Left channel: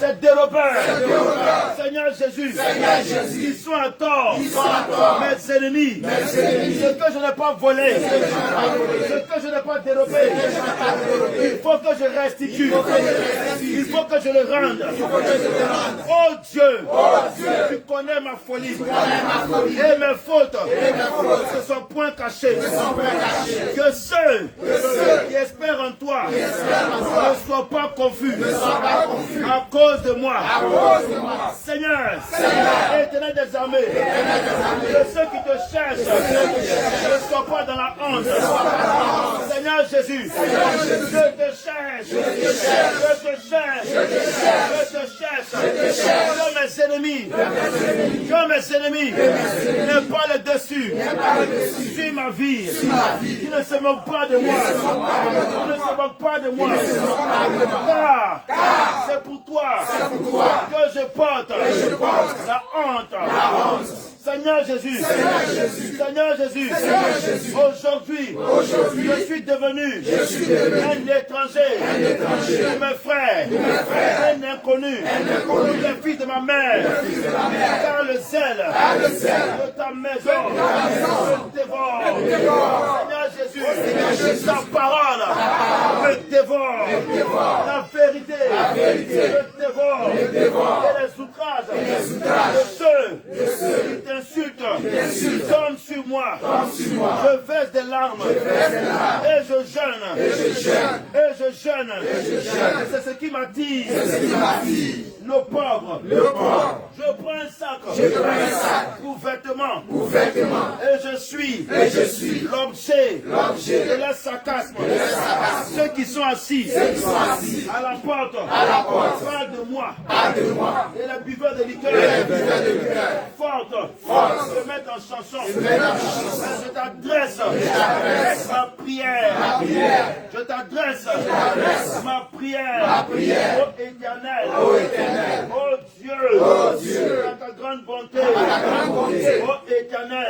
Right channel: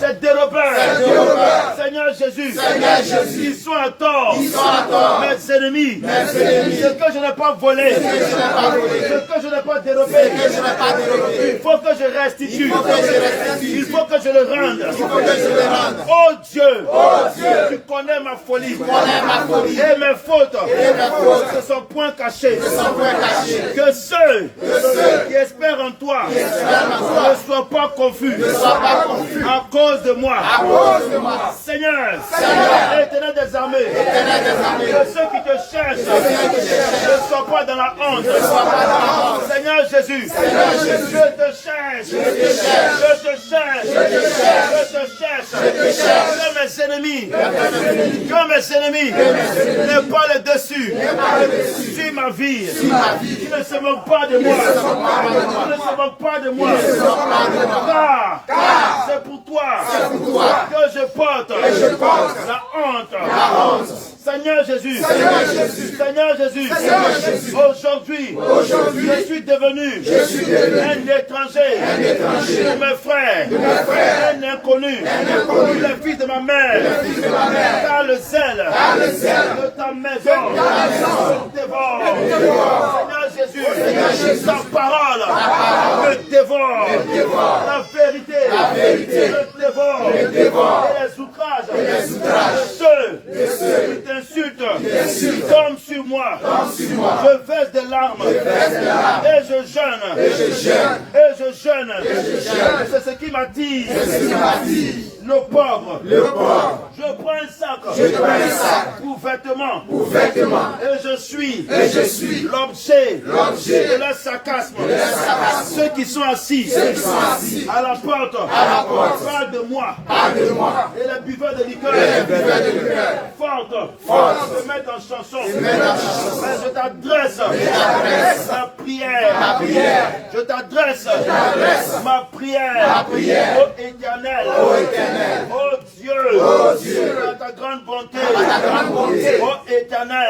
ces dérobeurs, Seigneur Jésus, ils sont à tort, mes ennemis, ce que je n'ai pas volé, ce que je n'ai pas dérobé, il faut que je restitue, il faut que je le rende. Oh Dieu, tu connais ma folie et mes fautes ne sont point cachées. Que ceux qui espèrent en toi ne soient pas confus à cause de moi. Seigneur, Éternel des armées, que ceux qui te cherchent ne soient pas dans la honte. Seigneur Jésus, je te cherche, je te cherche, je te cherche. Que mes ennemis, ne pas le dessus sur ma vie. Qui ne se moque pas de moi. Qui ne se moque pas de moi. Car c'est pour toi que je porte la honte. Seigneur Jésus, aujourd'hui, je suis devenu un étranger pour mes frères, un inconnu, le fils de ma mère, car le zèle de ta maison me dévore. Seigneur Jésus, ta parole me dévore, la vérité me dévore, et les outrages de ceux qui t'insultent tombent sur moi. Je verse des larmes et je jeûne. C'est ce qui m'attire. Le pauvre. Je prends un sac pour vêtements. Et je suis l'objet de leur sarcasme. Ceux qui sont assis à la porte parlent de moi. Et les buveurs de liqueur fortes se mettent en chanson. Je t'adresse ma prière. Je t'adresse ma prière. Ô Éternel. Oh Dieu, à ta grande bonté, oh Éternel,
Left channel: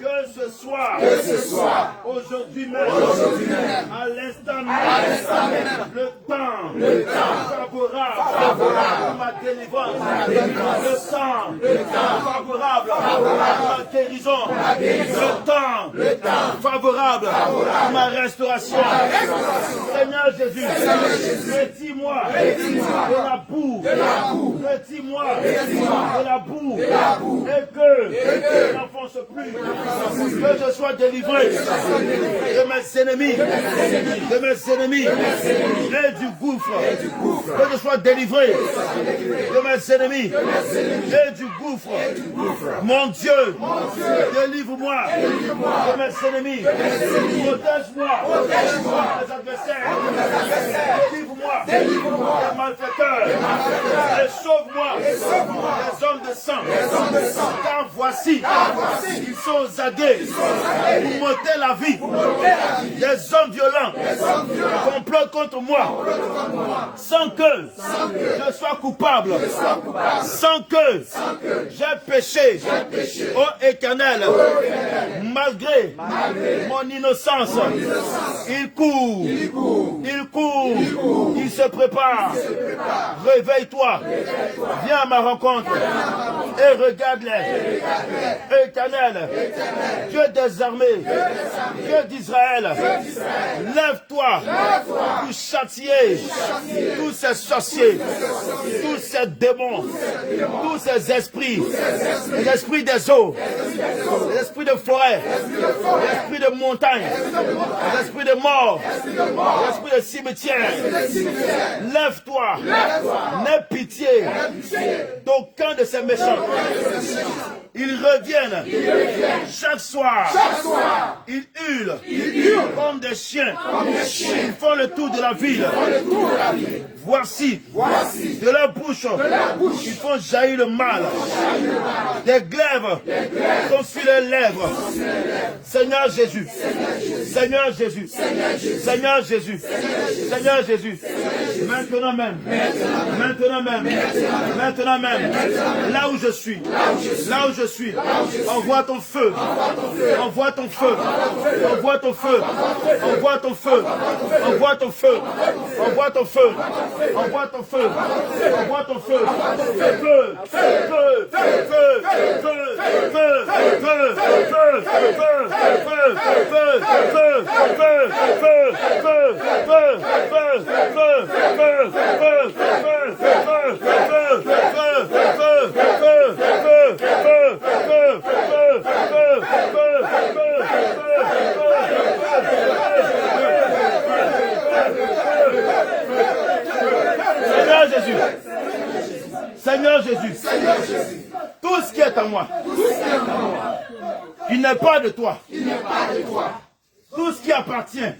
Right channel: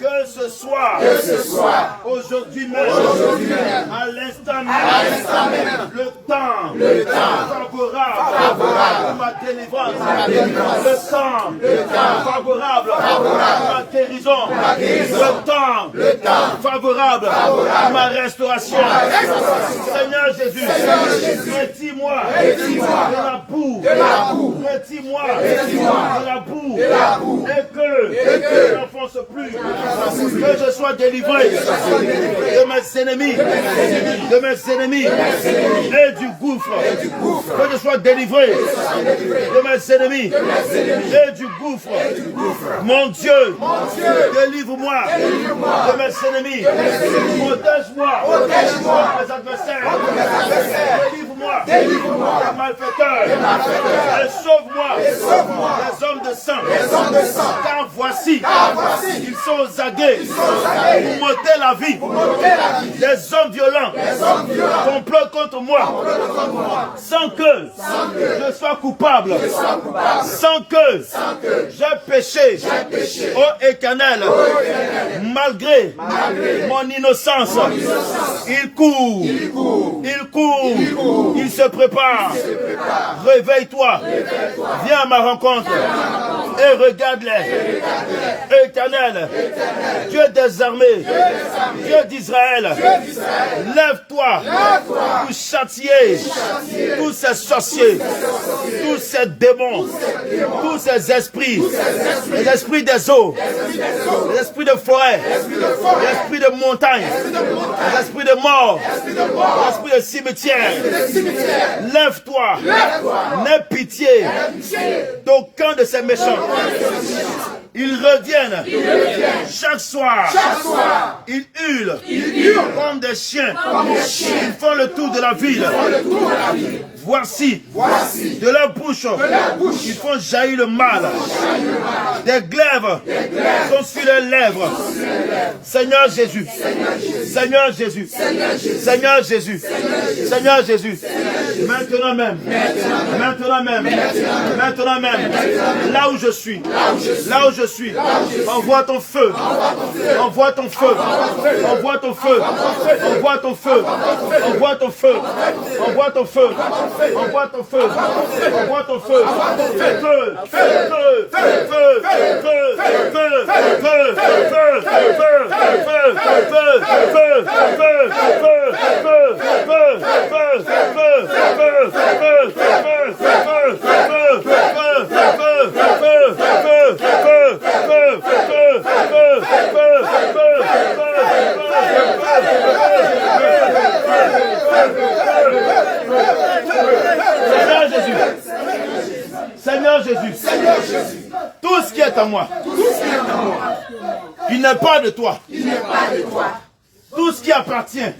que ce soit aujourd'hui même, à l'instant même, le temps favorable pour ma délivrance, le temps favorable pour ma guérison, le temps favorable pour ma restauration. Seigneur Jésus, retire-moi de la boue, retire-moi de la boue, et que je n'enfonce plus, que je sois délivré de mes ennemis, et du gouffre, que je sois délivré de mes ennemis et du gouffre. Mon Dieu, délivre-moi de mes ennemis, protège-moi de mes adversaires, délivre-moi des malfaiteurs, et sauve-moi des hommes de sang, car voici, ils sont aux aguets pour m'ôter la vie. Des hommes violents complotent contre moi, sans que je sois coupable, sans que j'ai péché. Ô Éternel, malgré mon innocence, il court, il se prépare. Réveille-toi, viens à ma rencontre et regarde-les. Éternel, Dieu des armées, Dieu d'Israël, lève-toi pour châtier tous ces sorciers, tous ces démons, tous ces esprits, les esprits des eaux, les esprits de forêt, les esprits de montagne, les esprits de mort, les esprits de cimetière. Lève-toi, n'aie pitié d'aucun de ces méchants. Ils reviennent chaque soir. Ils hurlent comme des chiens. Ils font le tour de la ville. Voici, de leur bouche, ils font jaillir le mal. Des glaives sont sur les lèvres. Seigneur Jésus, Seigneur Jésus. Seigneur Jésus. Seigneur Jésus. Maintenant même. Maintenant même. Maintenant même. Là où je suis. Là où je suis. Envoie ton feu. Envoie ton feu. Envoie ton feu. Envoie ton feu. Envoie ton feu. Envoie ton feu. Envoie ton feu. Envoie ton feu. Feu. Feu. Feu. Seigneur Jésus. Seigneur Jésus. Tout ce qui est à moi. Il n'est pas de toi. Tout ce qui appartient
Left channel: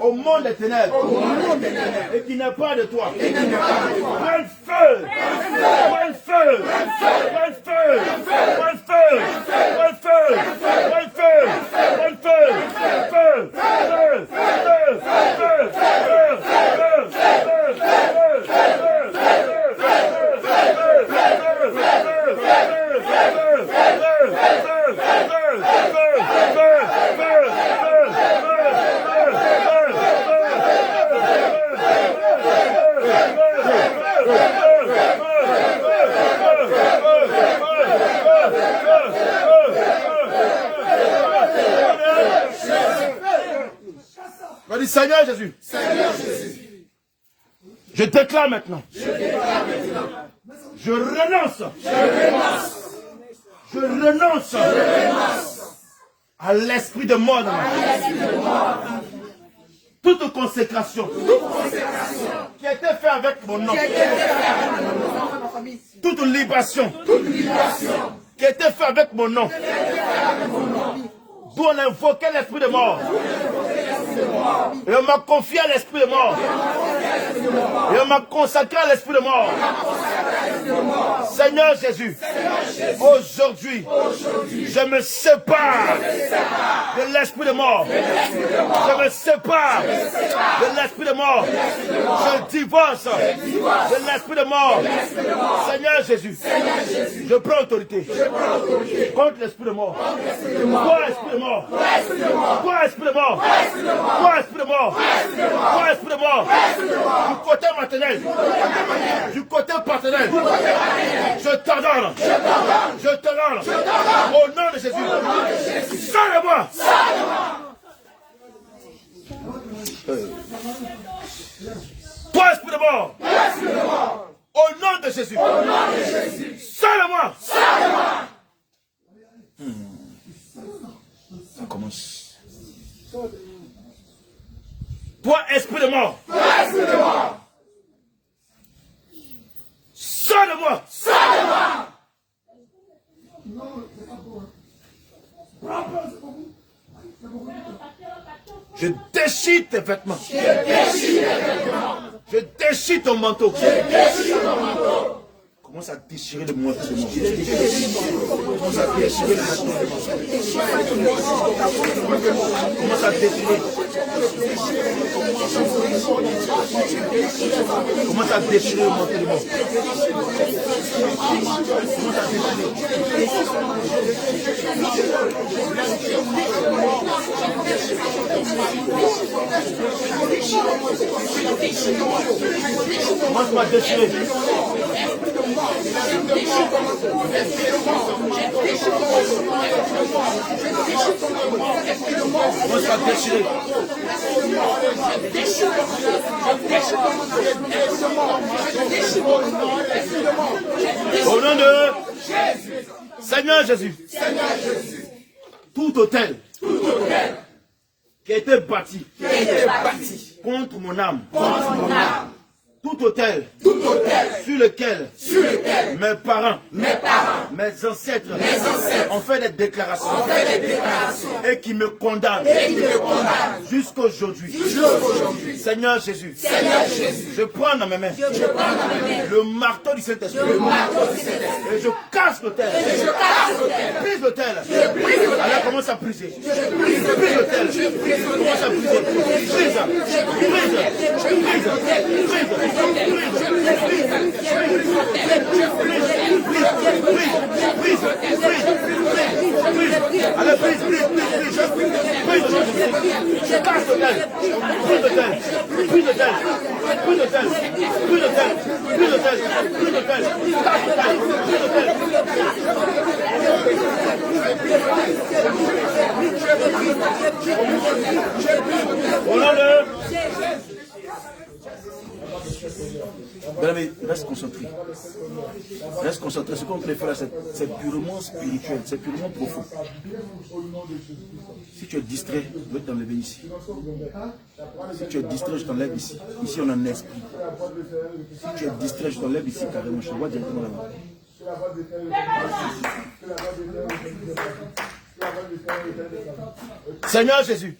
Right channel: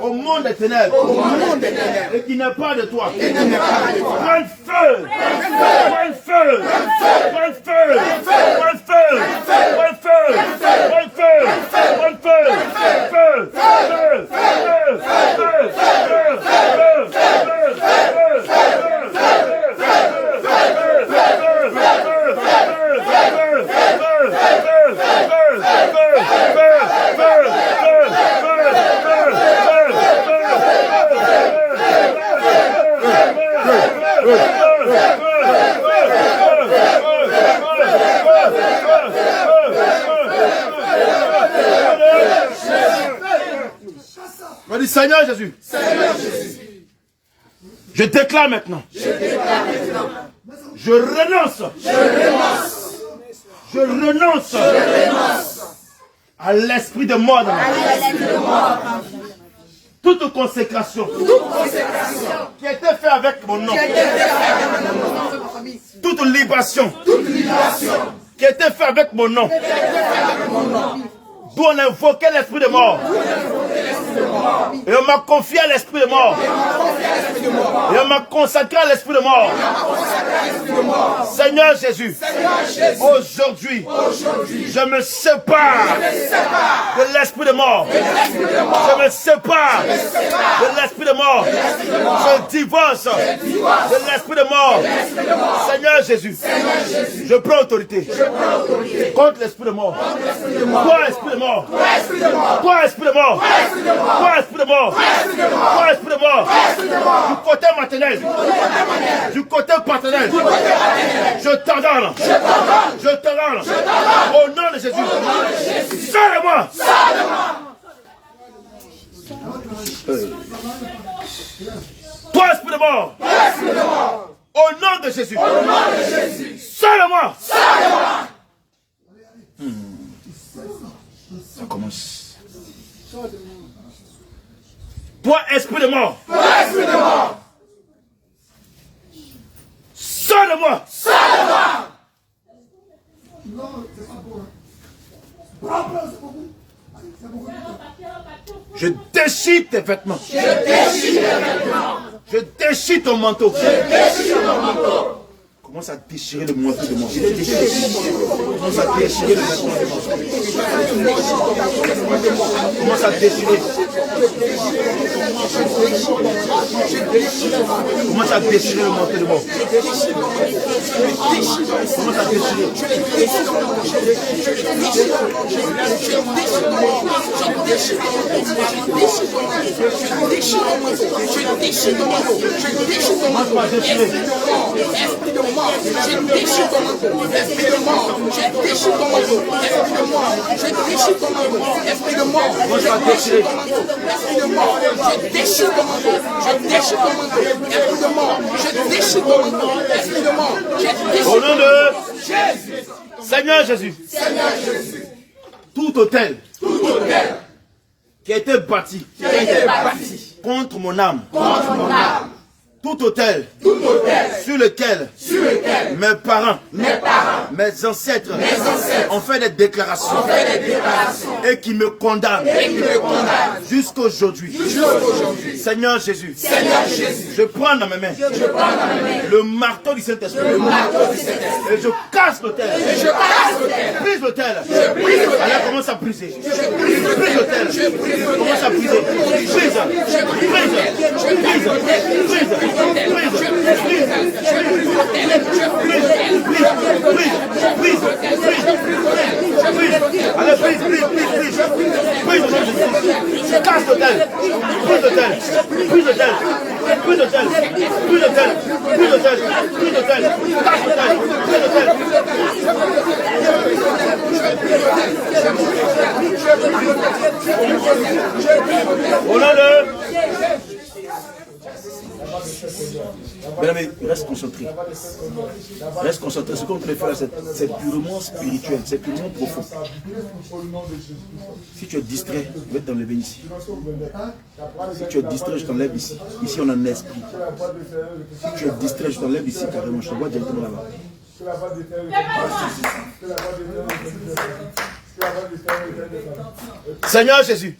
au monde des ténèbres et qui n'est pas de toi. Prends le feu. Prends le feu. Prends le feu. Prends le feu. Prends le feu. Prends le feu. Prends le feu. Feu. Feu. Feu. Feu. Feu. On dit Seigneur Jésus. Je déclare maintenant. Je renonce. Je renonce à l'esprit de mort dans ma vie. Toute consécration qui a été faite avec mon nom. Toute libation qui a été faite avec mon nom. D'où on invoquait l'esprit de mort. Et on m'a confié à l'esprit de mort. Et on m'a consacré à l'esprit de mort. Seigneur Jésus, aujourd'hui, je me sépare de l'esprit de mort. Je me sépare de l'esprit de mort. Je divorce de l'esprit de mort. Seigneur Jésus, je prends autorité contre l'esprit de mort. Toi, esprit de mort. Toi, esprit de mort. Toi, esprit de mort. Toi, esprit de mort. Du côté maternel. Du côté paternel. Je t'ordonne. Je t'ordonne. Au nom de Jésus. Sors-moi. Toi, esprit de mort. Au nom de Jésus. Sors-moi. Ça commence. Toi, esprit de mort. Sors de moi. Je déchire tes vêtements. Je déchire ton manteau. Commence à déchirer le manteau de moi. Commence à déchirer le manteau de moi. Commence à déchirer. Commence à déchirer le manteau de moi. Commence à déchirer. Commence à déchirer. Au nom de Jésus. Seigneur Jésus. Tout hôtel qui a été bâti contre mon âme. Tout tout autel sur lequel mes parents, mes ancêtres ont fait des déclarations et qui me condamnent jusqu'aujourd'hui. Seigneur Jésus, je prends dans mes mains le marteau du Saint-Esprit et je casse l'autel. Brise l'autel. Alors commence à briser. Brise l'autel. Commence à briser. Brise. Allez, brise. Je casse l'autel. Brise l'autel. Au nom de... Bien-aimé, reste concentré. Reste concentré. Ce qu'on te faire, c'est purement spirituel, c'est purement profond. Si tu es distrait, je vais t'enlever ici. Si tu es distrait, je t'enlève ici. Ici, on a un esprit. Si tu es distrait, je t'enlève ici carrément. Je te vois directement là-bas. Seigneur Jésus.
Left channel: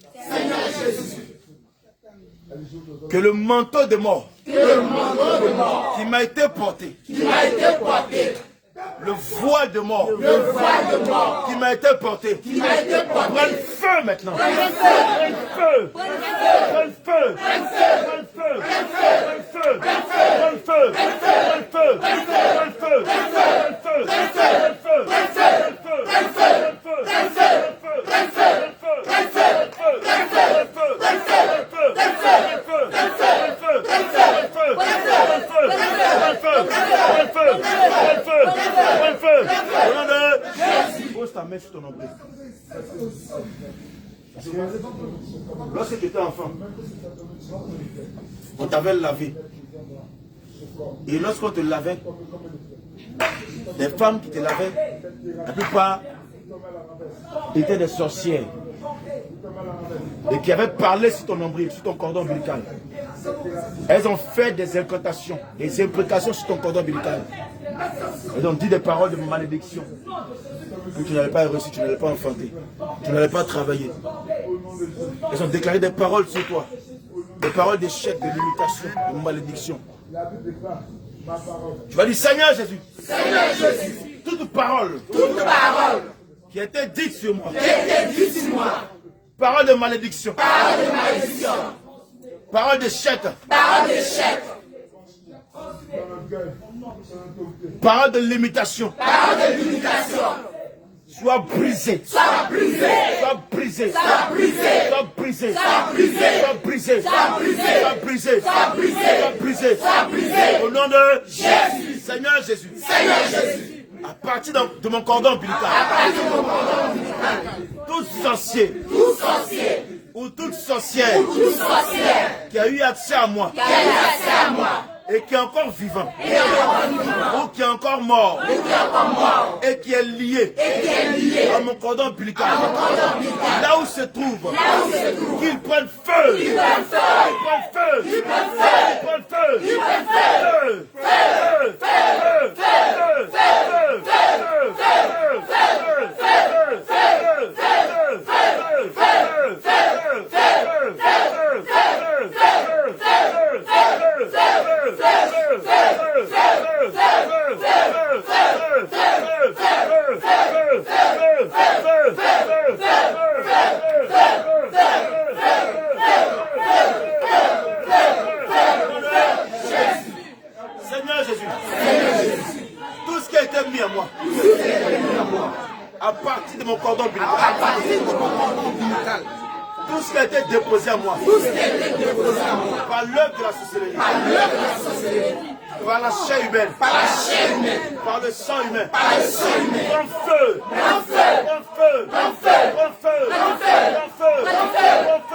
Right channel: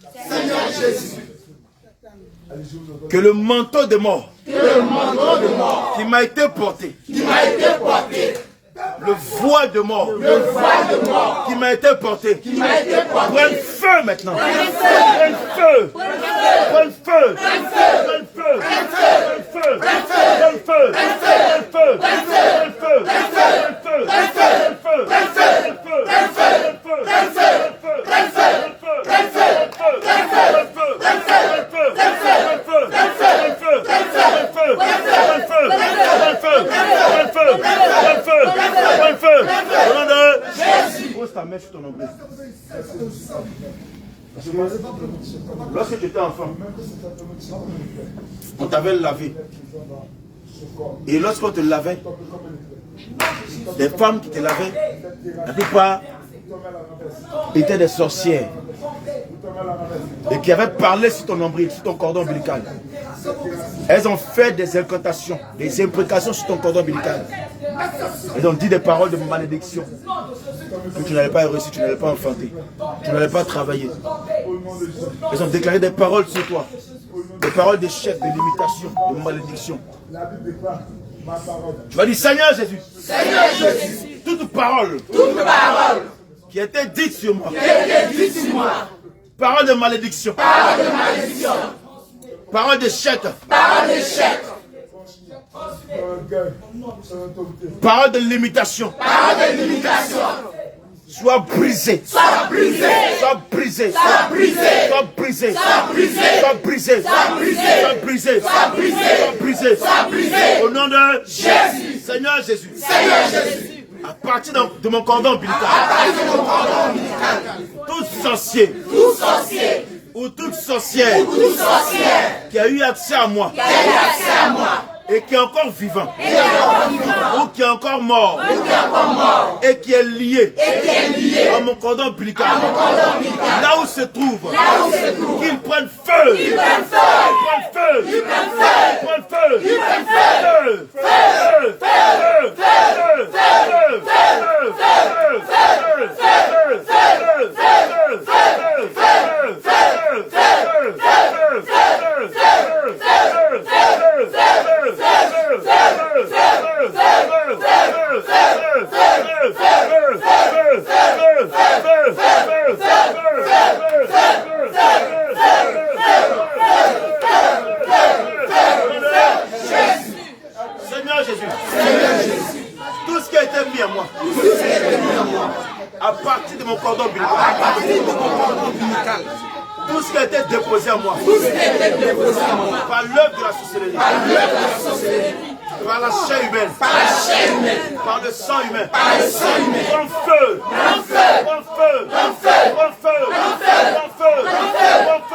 Que le manteau de mort qui m'a été porté, le voile de mort qui m'a été porté, prenne feu maintenant. Pose ta main sur ton nombril. Lorsque tu étais enfant, on t'avait lavé. Et lorsqu'on te lavait, les femmes qui te lavaient, la plupart étaient des sorcières. Et qui avaient parlé sur ton nombril, sur ton cordon ombilical. Elles ont fait des incantations, des imprécations sur ton cordon ombilical. Elles ont dit des paroles de malédiction. Que tu n'allais pas réussir, tu n'allais pas enfanter, tu n'allais pas travailler. Elles ont déclaré des paroles sur toi. Des paroles d'échec, de limitation, de malédiction. Tu vas dire, Seigneur Jésus, toute parole qui a été dite sur moi, parole de malédiction, parole d'échec, parole de limitation, soit brisé, soit brisé, soit brisé, soit brisé, soit brisé, soit brisé, soit brisé, soit brisé, soit brisé, au nom de Jésus, Seigneur Jésus, à partir de mon cordon ombilical, tout sorcier, ou toute sorcière qui a eu accès à moi, et qui est encore vivant, ou qui est encore mort, et qui est lié à mon cordon ombilical, là où se trouve, qu'il prenne feu, qu'il prenne feu, qu'il prenne feu, qu'il prenne feu, Seigneur Jésus, tout ce qui a été mis à moi, à partir de mon cordon ombilical, tout ce qui a été déposé à moi, par l'œuvre de la sorcellerie, par la chair humaine, par le sang humain, prends feu, prends feu, prends feu, prends feu, prends feu, prends feu, prends feu, prends feu,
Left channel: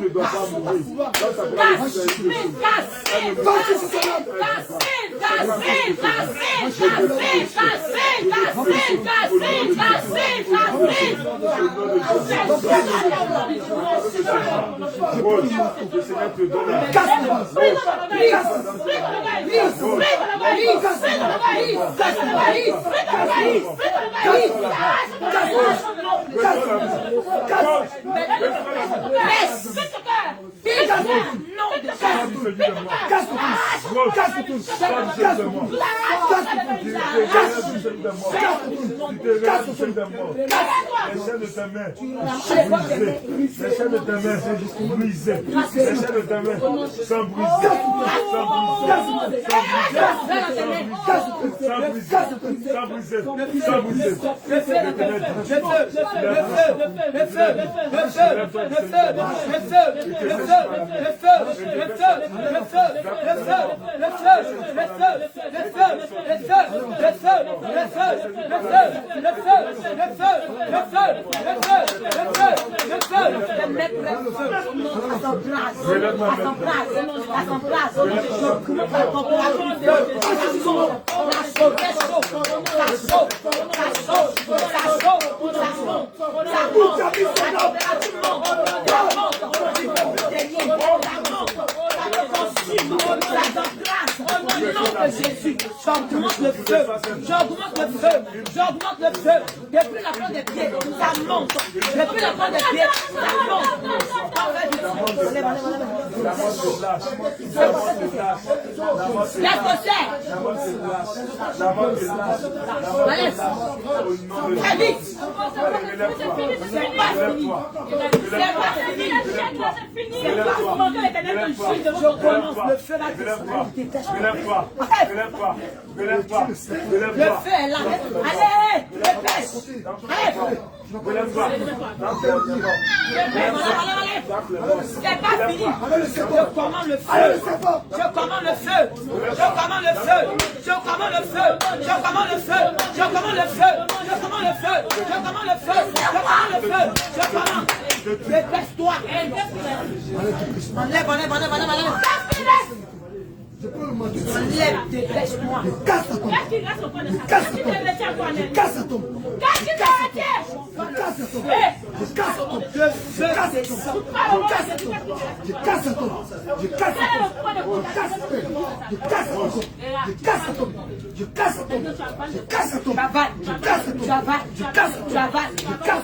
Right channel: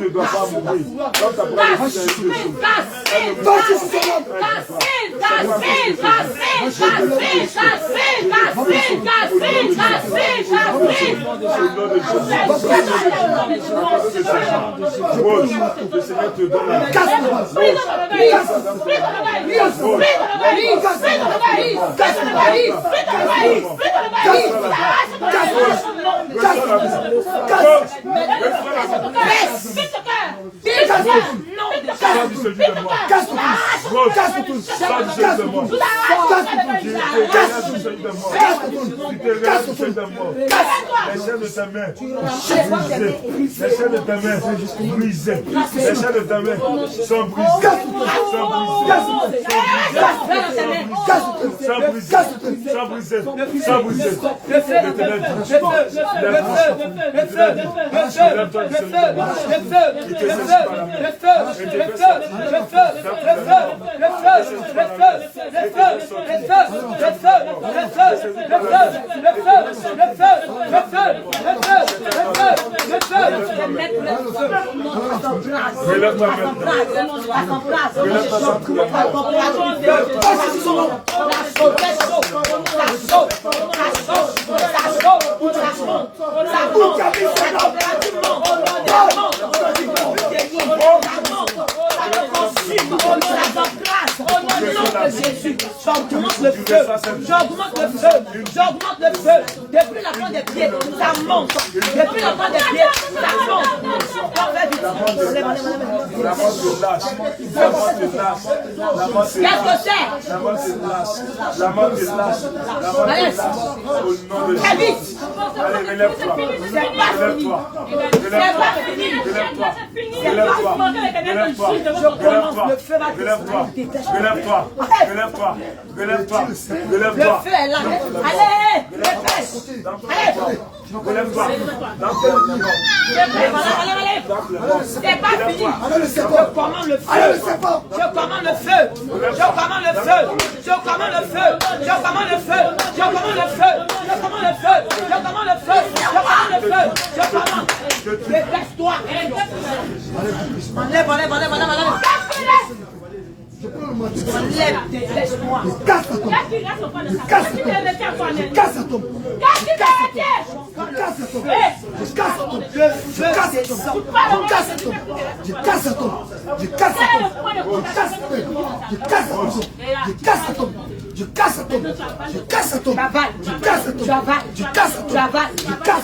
ne doit pas mourir. Le Seigneur te donne la Jésus, j'augmente le feu, j'augmente le feu, j'augmente le feu. Depuis la fin des pieds, ça monte. Depuis la fin des pieds, ça monte. Qu'est-ce que c'est? Allez, très vite. C'est pas fini. C'est pas fini. C'est pas fini. Je commence le feu va Relève-toi. Le feu est là. Allez, dépêche. Allez. Relève-toi. Allez. C'est pas fini. Je commande le feu. Je commande le feu. Je commande le feu. Je commande le feu. Je commande le feu. Je commande le feu. Je commande le feu. Je commande le feu. Je commande le feu. Je commande. Dépêche-toi. Enlève. Enlève, dépêche-moi.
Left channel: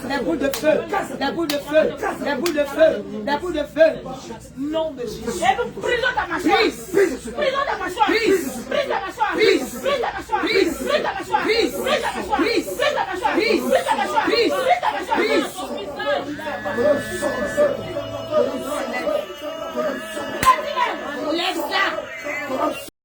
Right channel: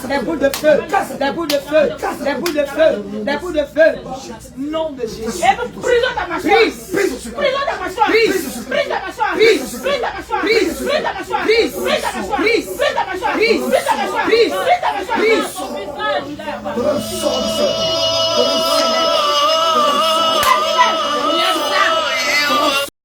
Les boules de feu, les boules de feu, les boules de feu, les boules de feu. Nom de Jésus. Prise ta mâchoire. Prise ta mâchoire. Prise ta mâchoire. Prise ta mâchoire. Prise ta mâchoire. Prise ta mâchoire. Prise ta mâchoire. Prise ta mâchoire. Prise ta mâchoire. Prise.